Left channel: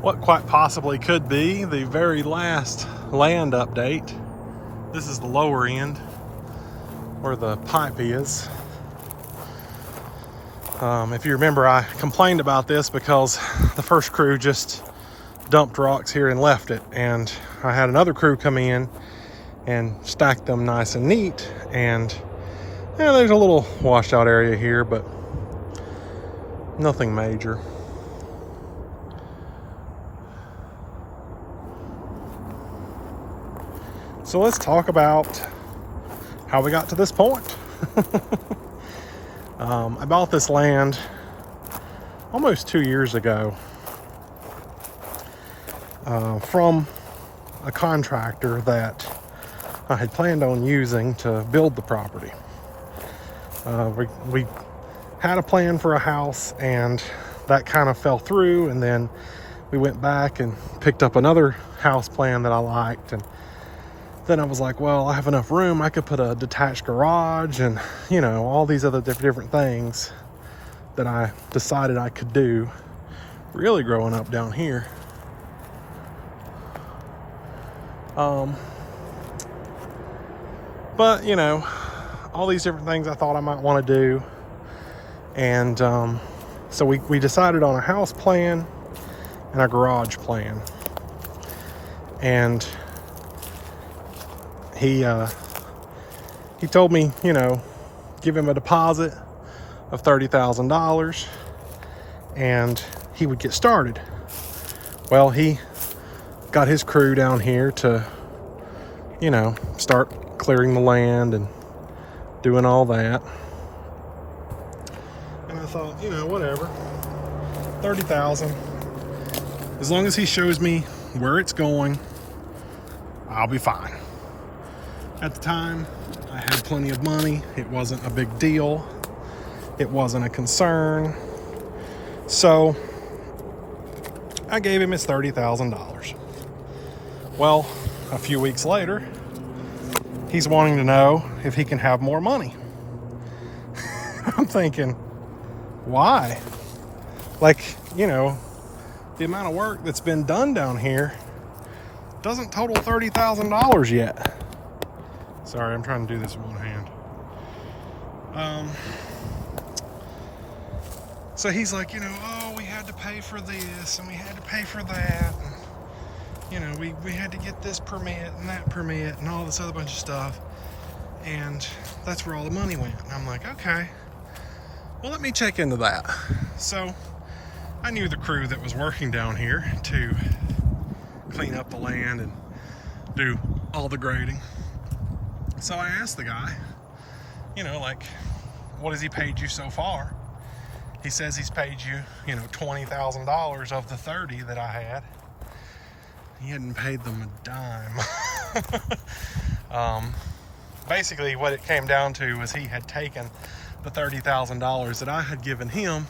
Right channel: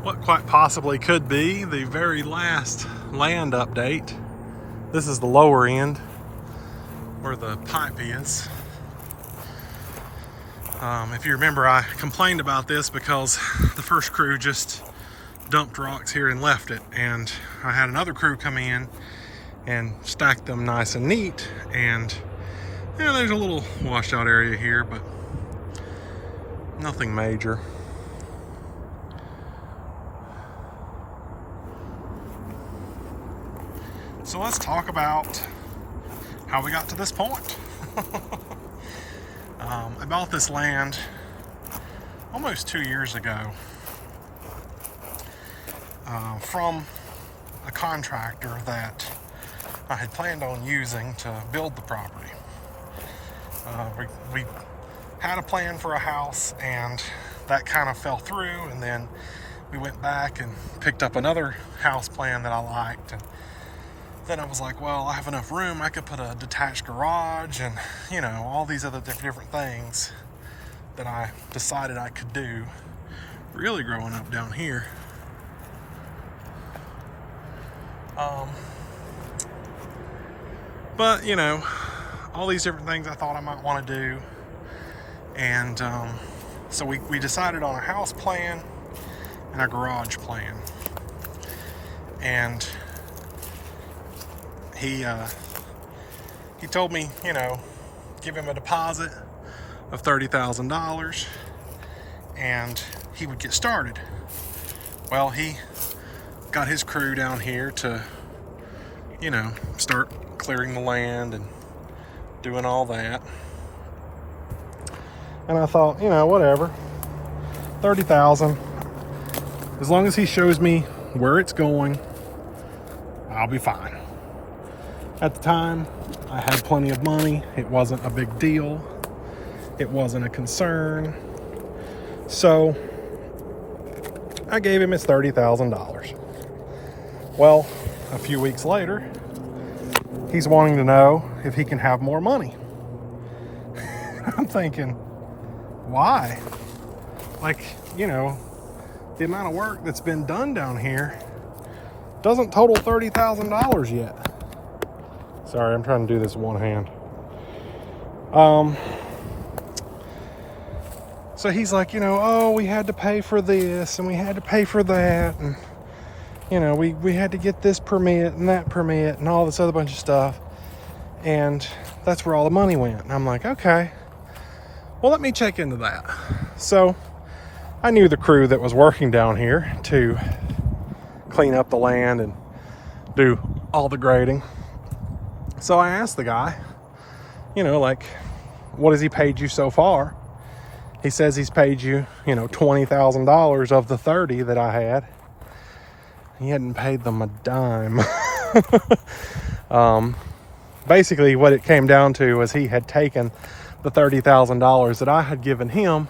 what quite possibly could be the very last land update. This is the lower end where the pipe is. If you remember, I complained about this because the first crew just dumped rocks here and left it, and I had another crew come in and stack them nice and neat, and yeah, there's a little washed out area here, but nothing major. So let's talk about how we got to this point. I bought this land almost 2 years ago from a contractor that I had planned on using to build the property. We had a plan for a house, and that kind of fell through, and then we went back and picked up another house plan that I liked, and then I was like, well, I have enough room, I could put a detached garage and, you know, all these other different things that I decided I could do really growing up down here. But, you know, all these different things I thought I might want to do. And so we decided on a house plan and a garage plan. And he told me, you know, give him a deposit of $30,000 and he would get started. Well, he got his crew down here to, you know, start clearing the land and doing all that. And I thought, you know, whatever, 30,000. As long as he shows me where it's going, I'll be fine. At the time, I had plenty of money. It wasn't a big deal. It wasn't a concern. So I gave him his $30,000. Well, a few weeks later, he's wanting to know if he can have more money. I'm thinking, why? Like, you know, the amount of work that's been done down here doesn't total $30,000 yet. Sorry, I'm trying to do this with one hand. So he's like, you know, oh, we had to pay for this and we had to pay for that. And, you know, we had to get this permit and that permit and all this other bunch of stuff. And that's where all the money went. And I'm like, okay, well, let me check into that. So I knew the crew that was working down here to clean up the land and do all the grading. So I asked the guy, you know, like, what has he paid you so far? He says he's paid you, you know, $20,000 of the 30 that I had. He hadn't paid them a dime. Basically what it came down to was he had taken the $30,000 that I had given him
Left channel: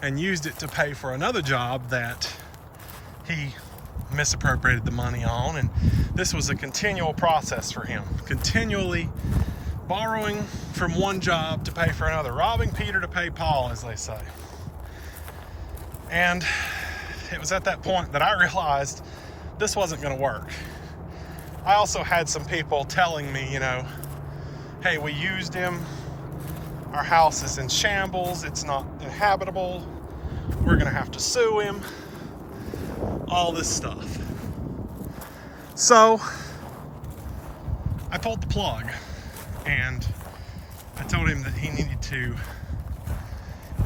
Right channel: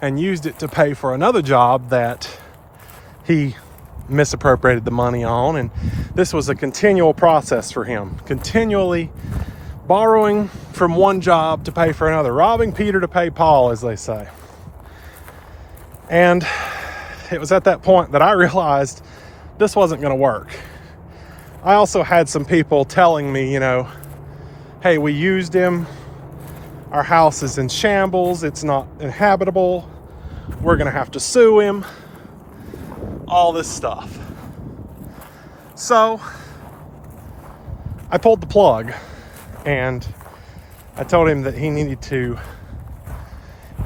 and used it to pay for another job that he misappropriated the money on. And this was a continual process for him, continually borrowing from one job to pay for another, robbing Peter to pay Paul, as they say. And it was at that point that I realized this wasn't going to work. I also had some people telling me, you know, hey, we used him, our house is in shambles, it's not inhabitable, we're going to have to sue him, all this stuff. So I pulled the plug and I told him that he needed to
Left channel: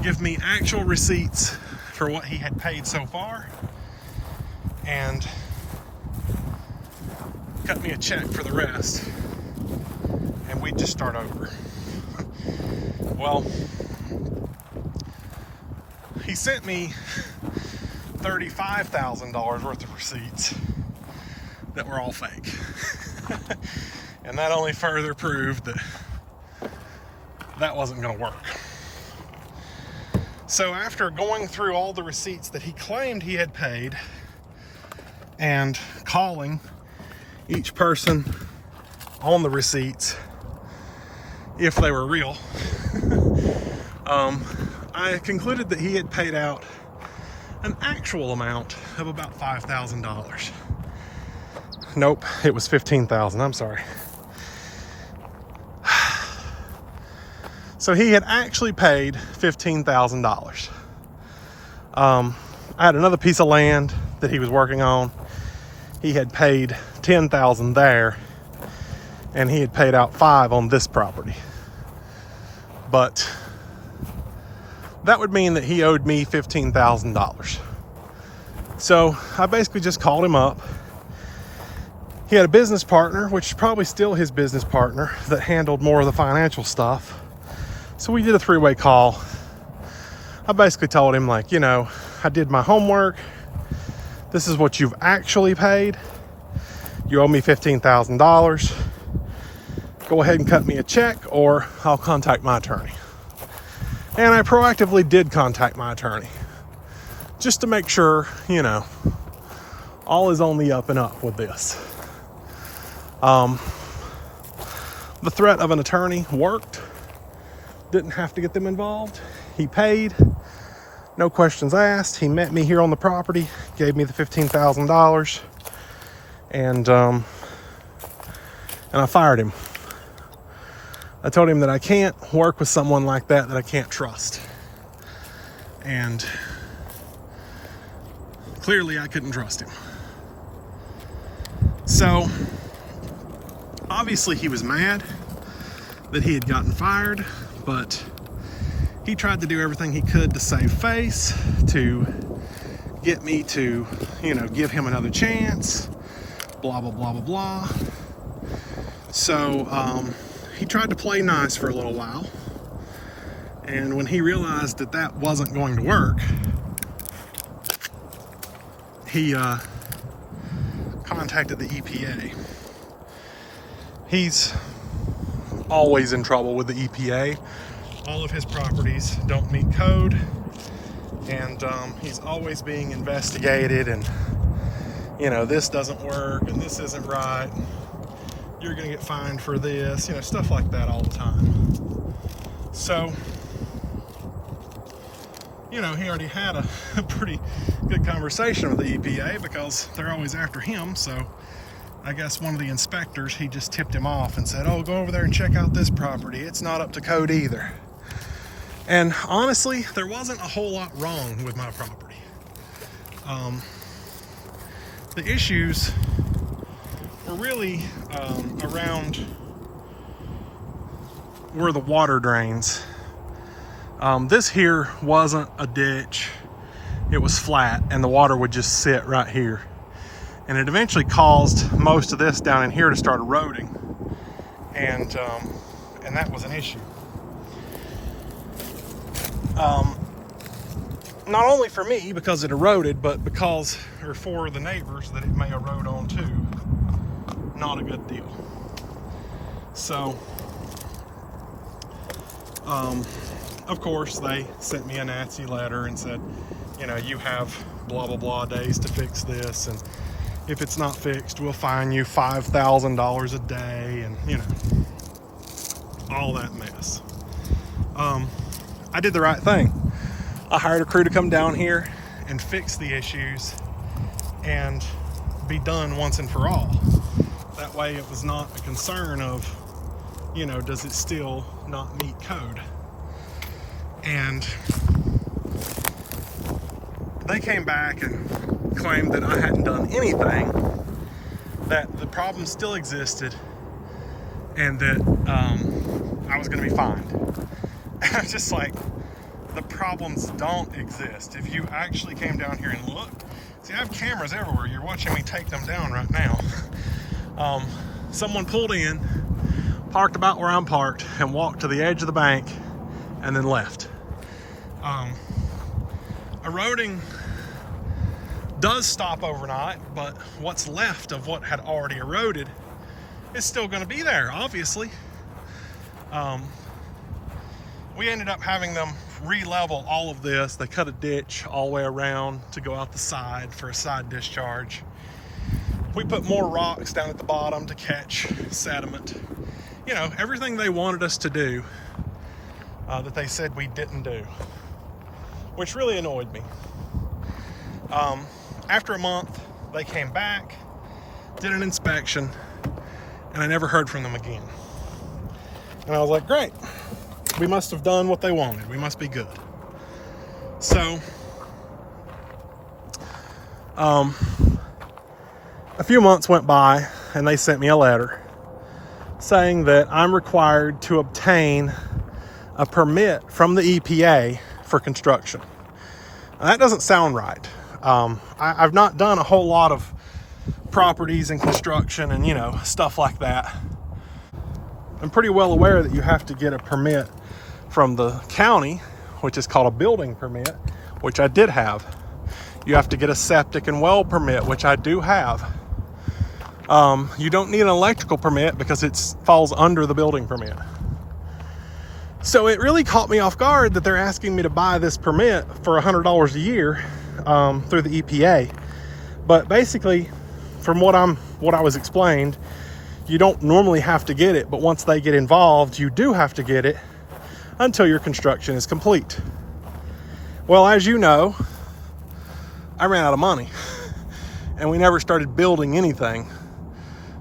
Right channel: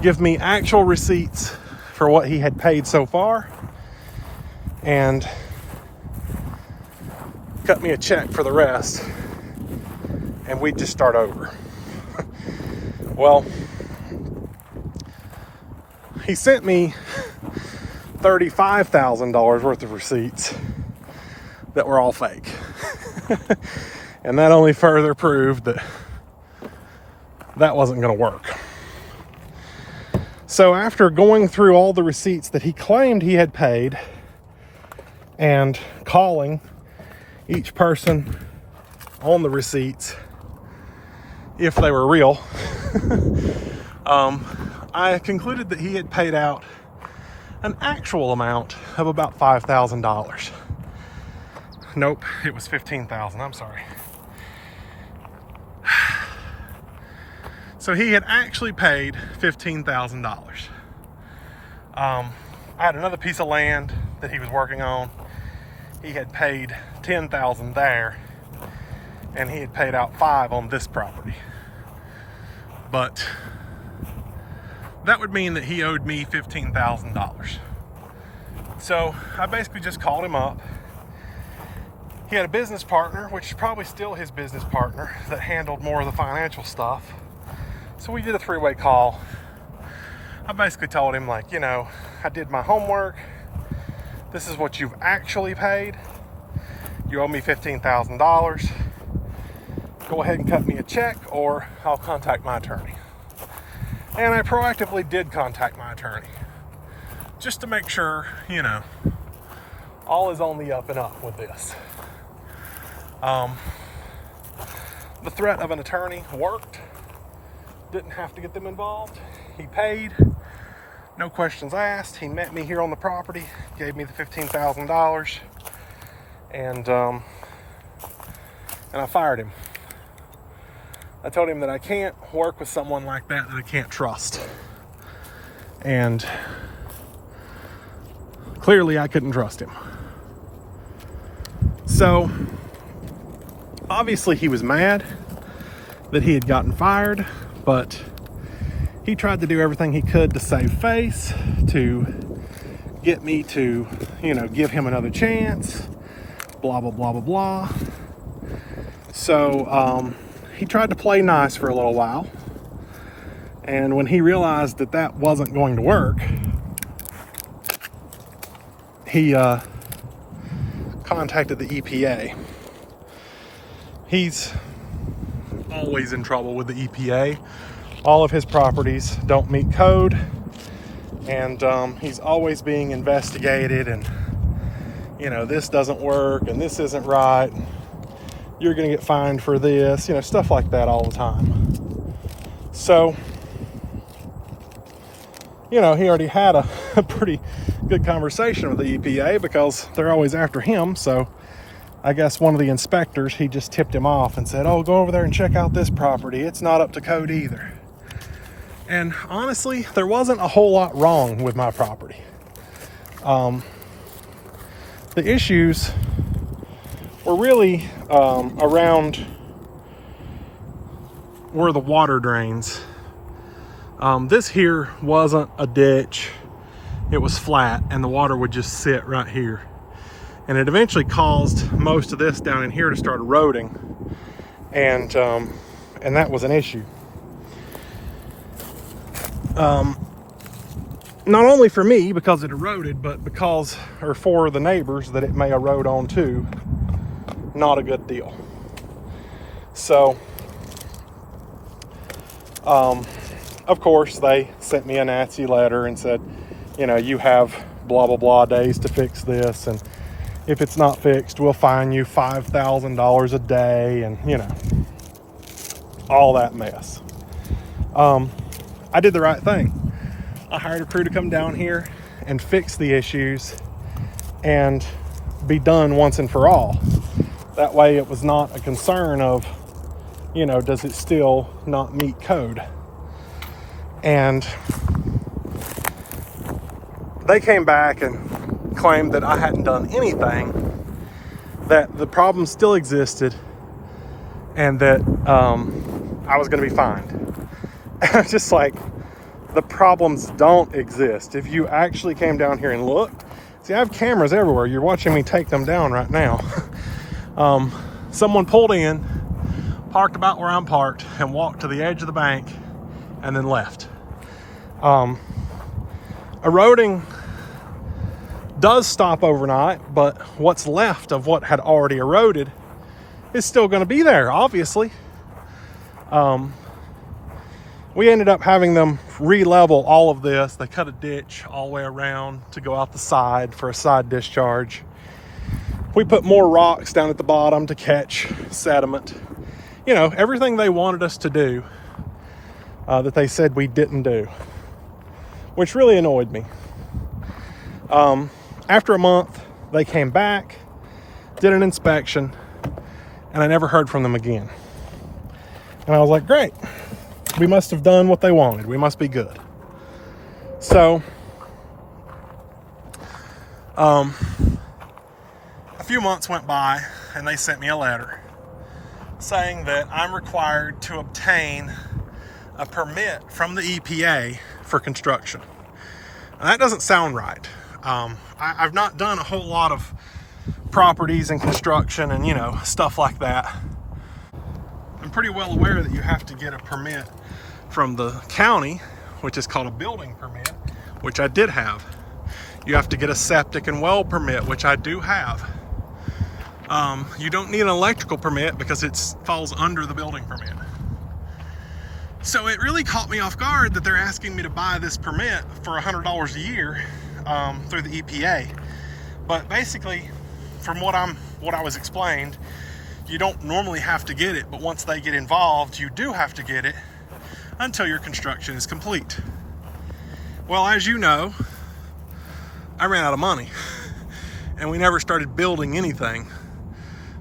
give me actual receipts for what he had paid so far and cut me a check for the rest, and we'd just start over. Well, he sent me $35,000 worth of receipts that were all fake. And that only further proved that that wasn't going to work. So after going through all the receipts that he claimed he had paid and calling each person on the receipts if they were real, I concluded that he had paid out an actual amount of about $5,000. Nope, it was $15,000. I'm sorry. So he had actually paid $15,000. I had another piece of land that he was working on. He had paid $10,000 there, and he had paid out $5,000 on this property. But that would mean that he owed me $15,000. So I basically just called him up. He had a business partner, which is probably still his business partner, that handled more of the financial stuff. So we did a three-way call. I basically told him, like, you know, I did my homework. This is what you've actually paid. You owe me $15,000. Go ahead and cut me a check, or I'll contact my attorney. And I proactively did contact my attorney, just to make sure, you know, all is on the up and up with this. The threat of an attorney worked. Didn't have to get them involved. He paid, no questions asked. He met me here on the property, gave me the $15,000, and I fired him. I told him that I can't work with someone like that I can't trust. And clearly I couldn't trust him. So obviously he was mad that he had gotten fired, but he tried to do everything he could to save face, to get me to, you know, give him another chance, blah, blah, blah, blah, blah. So he tried to play nice for a little while. And when he realized that that wasn't going to work, he contacted the EPA. He's always in trouble with the EPA. All of his properties don't meet code, and he's always being investigated, and, you know, this doesn't work and this isn't right. You're gonna get fined for this, you know, stuff like that all the time. So, you know, he already had a pretty good conversation with the EPA because they're always after him. So I guess one of the inspectors, he just tipped him off and said, oh, go over there and check out this property. It's not up to code either. And honestly, there wasn't a whole lot wrong with my property. The issues were really around where the water drains. This here wasn't a ditch. It was flat, and the water would just sit right here. And it eventually caused most of this down in here to start eroding. And that was an issue. Not only for me, because it eroded, but because, or for the neighbors that it may erode onto. Not a good deal. So, of course, they sent me a nasty letter and said, you know, you have blah, blah, blah days to fix this. And if it's not fixed, we'll fine you $5,000 a day, and, you know, all that mess. I did the right thing. I hired a crew to come down here and fix the issues and be done once and for all. That way it was not a concern of, you know, does it still not meet code? And they came back and claimed that I hadn't done anything, that the problem still existed, and that I was going to be fine. And I was just like, the problems don't exist. If you actually came down here and looked, see, I have cameras everywhere. You're watching me take them down right now. Someone pulled in, parked about where I'm parked, and walked to the edge of the bank and then left. Eroding does stop overnight, but what's left of what had already eroded is still going to be there, obviously. We ended up having them re-level all of this. They cut a ditch all the way around to go out the side for a side discharge. We put more rocks down at the bottom to catch sediment. You know, everything they wanted us to do that they said we didn't do, which really annoyed me. After a month, they came back, did an inspection, and I never heard from them again. And I was like, great, we must have done what they wanted. We must be good. So, a few months went by, and they sent me a letter saying that I'm required to obtain a permit from the EPA for construction. Now, that doesn't sound right. I've not done a whole lot of properties and construction and, stuff like that. I'm pretty well aware that you have to get a permit from the county, which is called a building permit, which I did have. You have to get a septic and well permit, which I do have. You don't need an electrical permit because it falls under the building permit. So it really caught me off guard that they're asking me to buy this permit for $100 a year through the EPA. But basically, from what I was explained, you don't normally have to get it, but once they get involved, you do have to get it until your construction is complete. Well, as you know, I ran out of money and we never started building anything.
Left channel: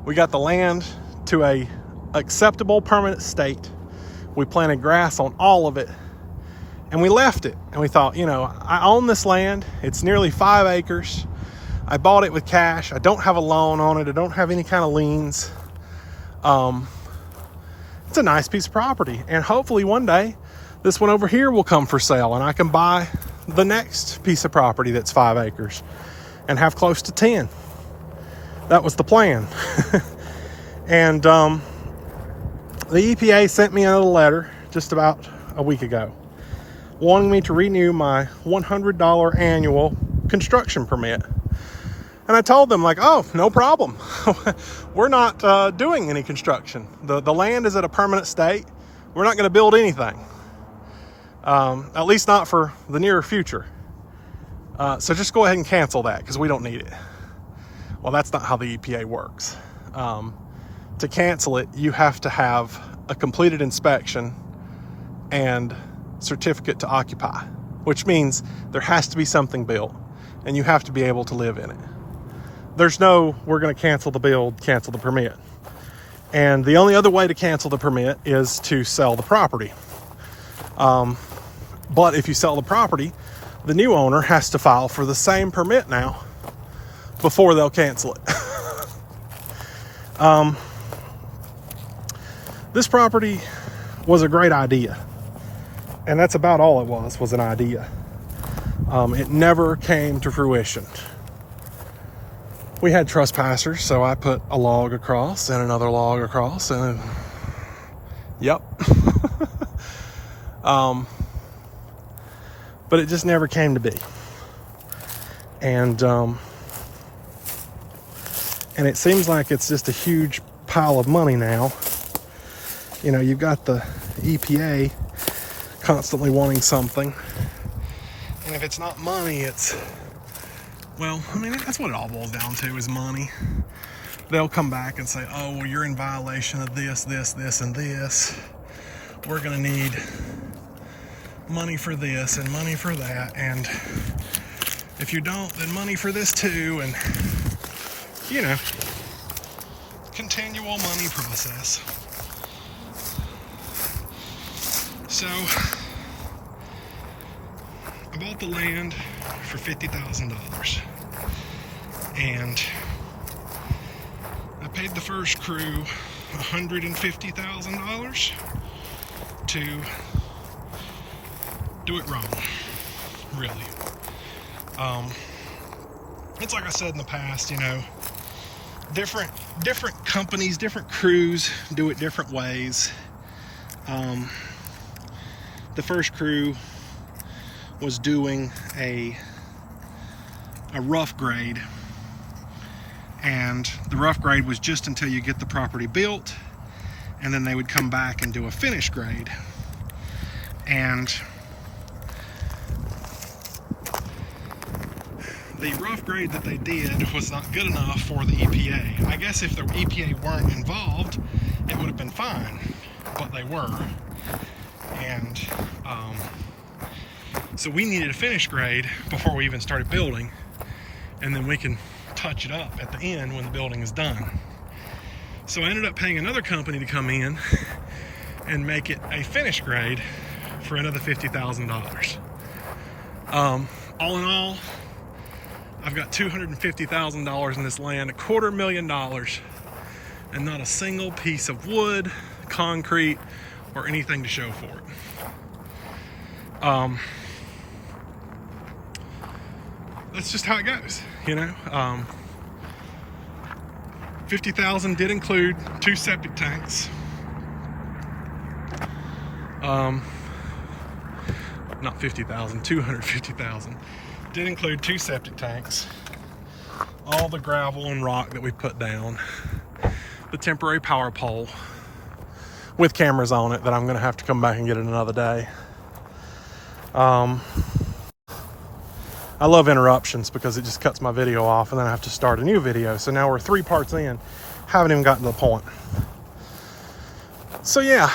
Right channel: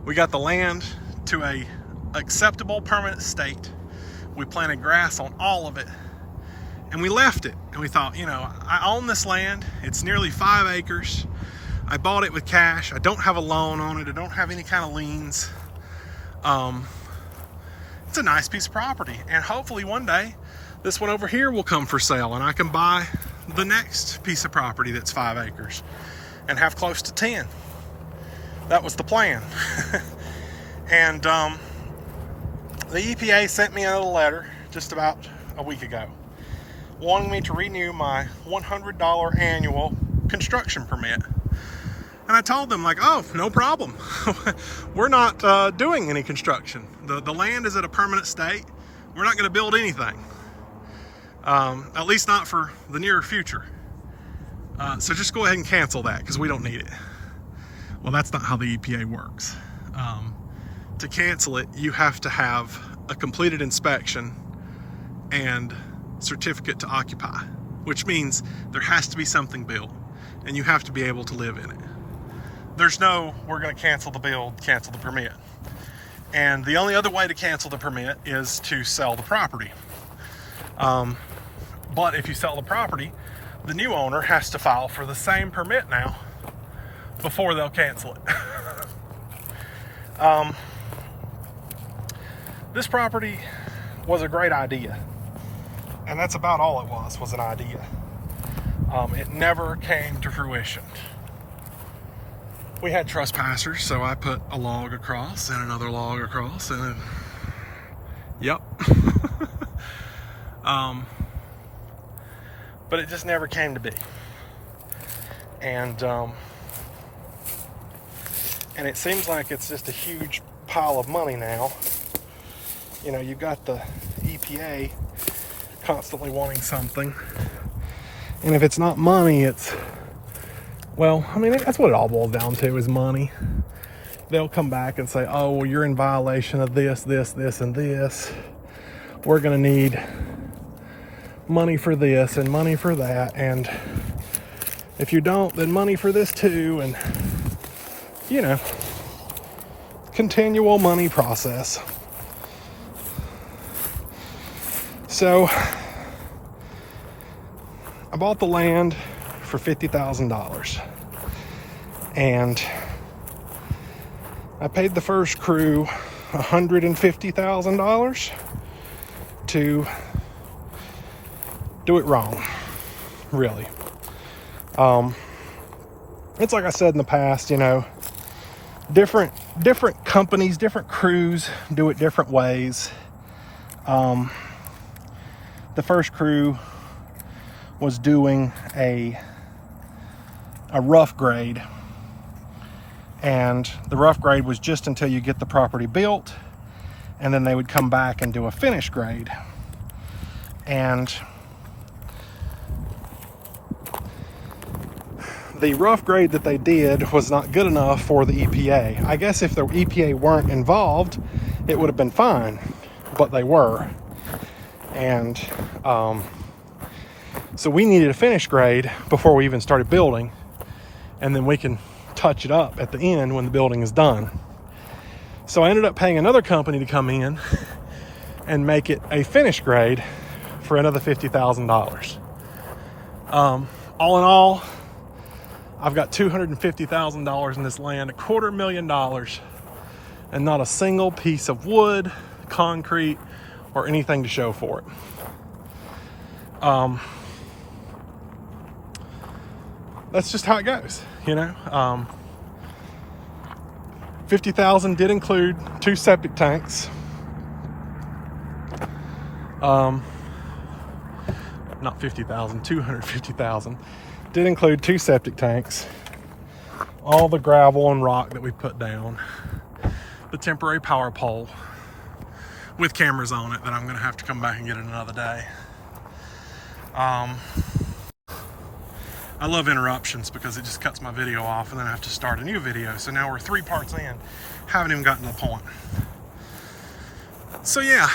We got the land to a acceptable permanent state. We planted grass on all of it and we left it. And we thought, I own this land. It's nearly 5 acres. I bought it with cash. I don't have a loan on it. I don't have any kind of liens. It's a nice piece of property. And hopefully one day this one over here will come for sale and I can buy the next piece of property that's 5 acres and have close to 10. That was the plan. And the EPA sent me a letter just about a week ago wanting me to renew my $100 annual construction permit. And I told them, oh, no problem. We're not doing any construction. The land is at a permanent state. We're not going to build anything. At least not for the near future. So just go ahead and cancel that because we don't need it. Well, that's not how the EPA works. To cancel it, you have to have a completed inspection and certificate to occupy, which means there has to be something built and you have to be able to live in it. There's no, we're going to cancel the build, cancel the permit. And the only other way to cancel the permit is to sell the property. But if you sell the property, the new owner has to file for the same permit now before they'll cancel it. This property was a great idea. And that's about all it was an idea. It never came to fruition. We had trespassers, so I put a log across and another log across and yep. But it just never came to be. And it seems like it's just a huge pile of money now. You've got the EPA constantly wanting something. And if it's not money, it's, that's what it all boils down to is money. They'll come back and say, oh, well, you're in violation of this, this, this, and this. We're going to need money for this and money for that. And if you don't, then money for this too. And, continual money process. So I bought the land for $50,000 and I paid the first crew $150,000 to do it wrong, really. It's like I said in the past, different companies, different crews do it different ways. The first crew was doing a rough grade, and the rough grade was just until you get the property built, and then they would come back and do a finish grade. And the rough grade that they did was not good enough for the EPA. I guess if the EPA weren't involved, it would have been fine, but they were. And so we needed a finish grade before we even started building. and then we can touch it up at the end when the building is done. So I ended up paying another company to come in and make it a finish grade for another $50,000. All in all, I've got $250,000 in this land, $250,000, and not a single piece of wood, concrete, or anything to show for it. That's just how it goes, you know. 50,000 did include 2 septic tanks. Not 50,000, 250,000 did include 2 septic tanks, all the gravel and rock that we put down, the temporary power pole with cameras on it that I'm gonna have to come back and get it another day. I love interruptions because it just cuts my video off and then I have to start a new video. So now we're 3 parts in, haven't even gotten to the point. So yeah,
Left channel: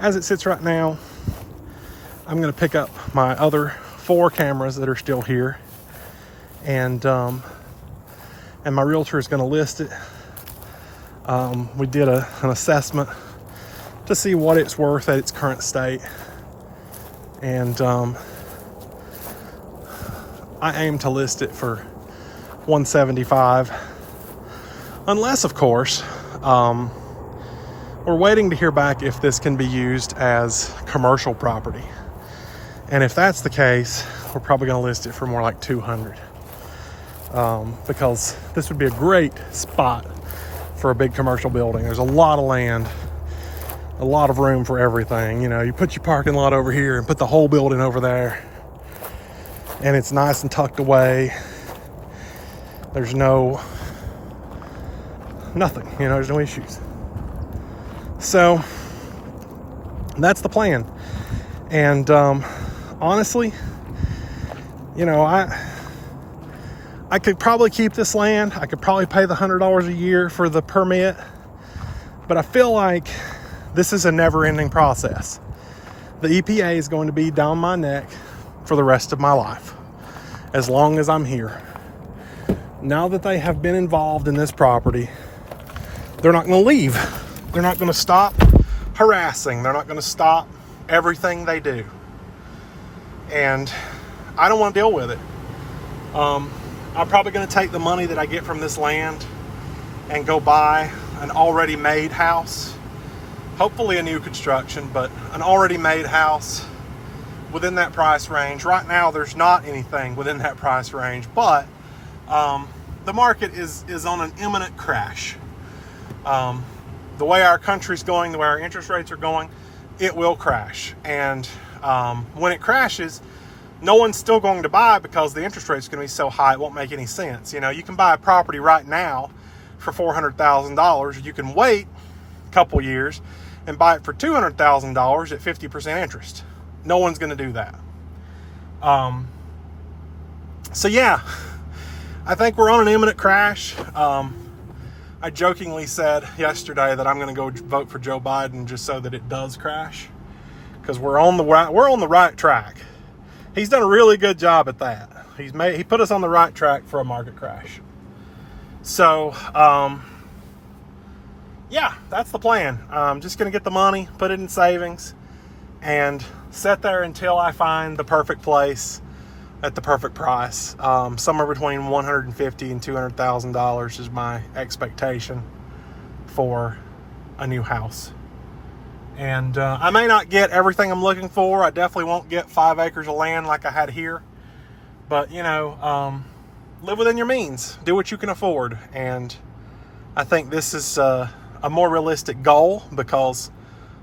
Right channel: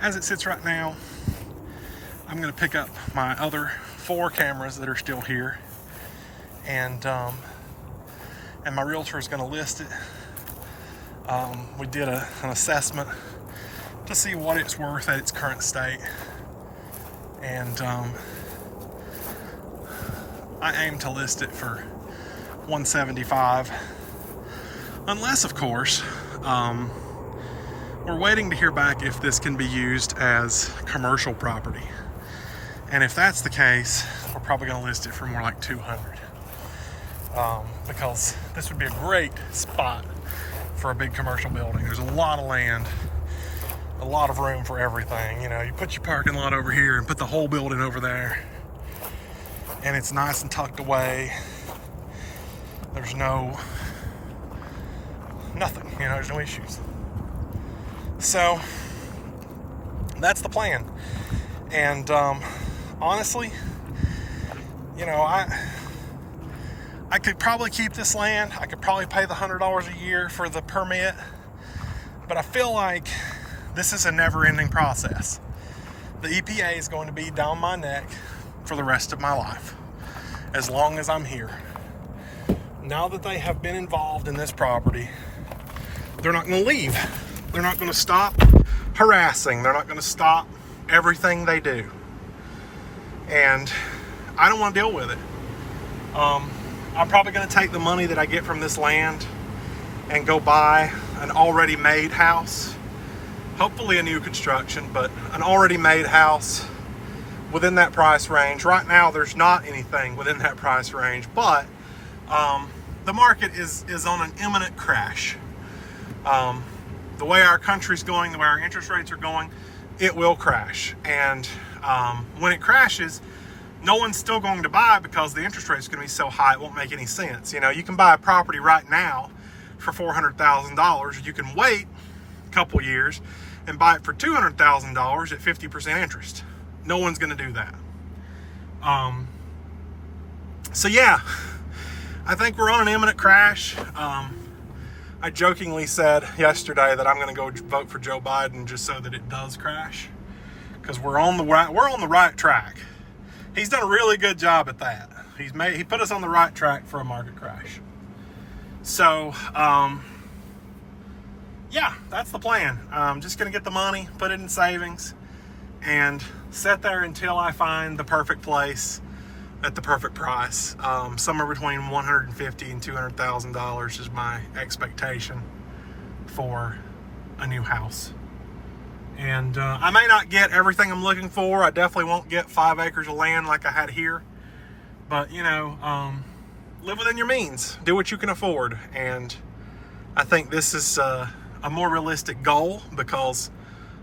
as it sits right now, I'm gonna pick up my other 4 cameras that are still here, and my realtor is gonna list it. We did an assessment to see what it's worth at its current state, and I aim to list it for $175, unless of course we're waiting to hear back if this can be used as commercial property, and if that's the case, we're probably going to list it for more like $200, because this would be a great spot for a big commercial building. There's a lot of land, a lot of room for everything. You know, you put your parking lot over here and put the whole building over there, and it's nice and tucked away. There's nothing, you know, there's no issues. So that's the plan. And honestly, you know, I could probably keep this land. I could probably pay the $100 a year for the permit, but I feel like this is a never-ending process. The EPA is going to be down my neck for the rest of my life, as long as I'm here. Now that they have been involved in this property, they're not going to leave. They're not going to stop harassing. They're not going to stop everything they do. And I don't want to deal with it. I'm probably going to take the money that I get from this land and go buy an already made house. Hopefully a new construction, but an already made house within that price range. Right now, there's not anything within that price range, but the market is on an imminent crash. The way our country's going, the way our interest rates are going, it will crash. And when it crashes, no one's still going to buy because the interest rate's going to be so high, it won't make any sense. You know, you can buy a property right now for $400,000. You can wait a couple years and buy it for $200,000 at 50% interest. No one's going to do that. So yeah, I think we're on an imminent crash. I jokingly said yesterday that I'm going to go vote for Joe Biden just so that it does crash, because we're on the right track. He's done a really good job at that. He put us on the right track for a market crash. So yeah, that's the plan. I'm just going to get the money, put it in savings, and sit there until I find the perfect place at the perfect price. Somewhere between $150,000 and $200,000 is my expectation for a new house. And I may not get everything I'm looking for. I definitely won't get 5 acres of land like I had here. But, you know, live within your means. Do what you can afford. And I think this is a more realistic goal, because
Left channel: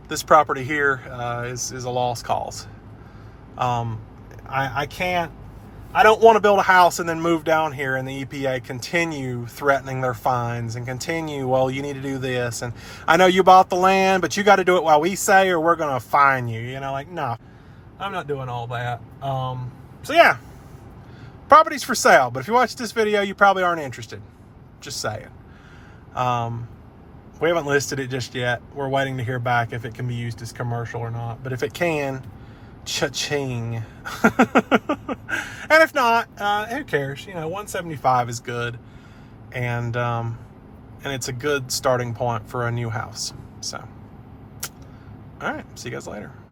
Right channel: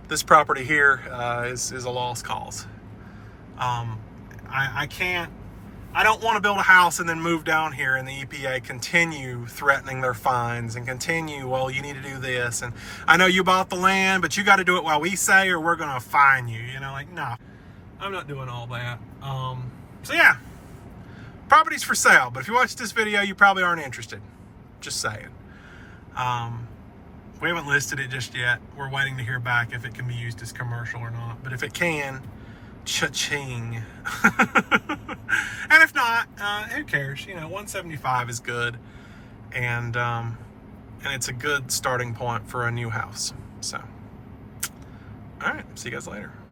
this property here is a lost cause. I don't want to build a house and then move down here and the EPA continue threatening their fines and continue, well, you need to do this. And I know you bought the land, but you got to do it while we say, or we're going to fine you. You know, like, no, I'm not doing all that. So yeah, property's for sale. But if you watch this video, you probably aren't interested. Just saying. We haven't listed it just yet. We're waiting to hear back if it can be used as commercial or not. But if it can, cha-ching. And if not, who cares? You know, 175 is good, and it's a good starting point for a new house. So, all right, see you guys later.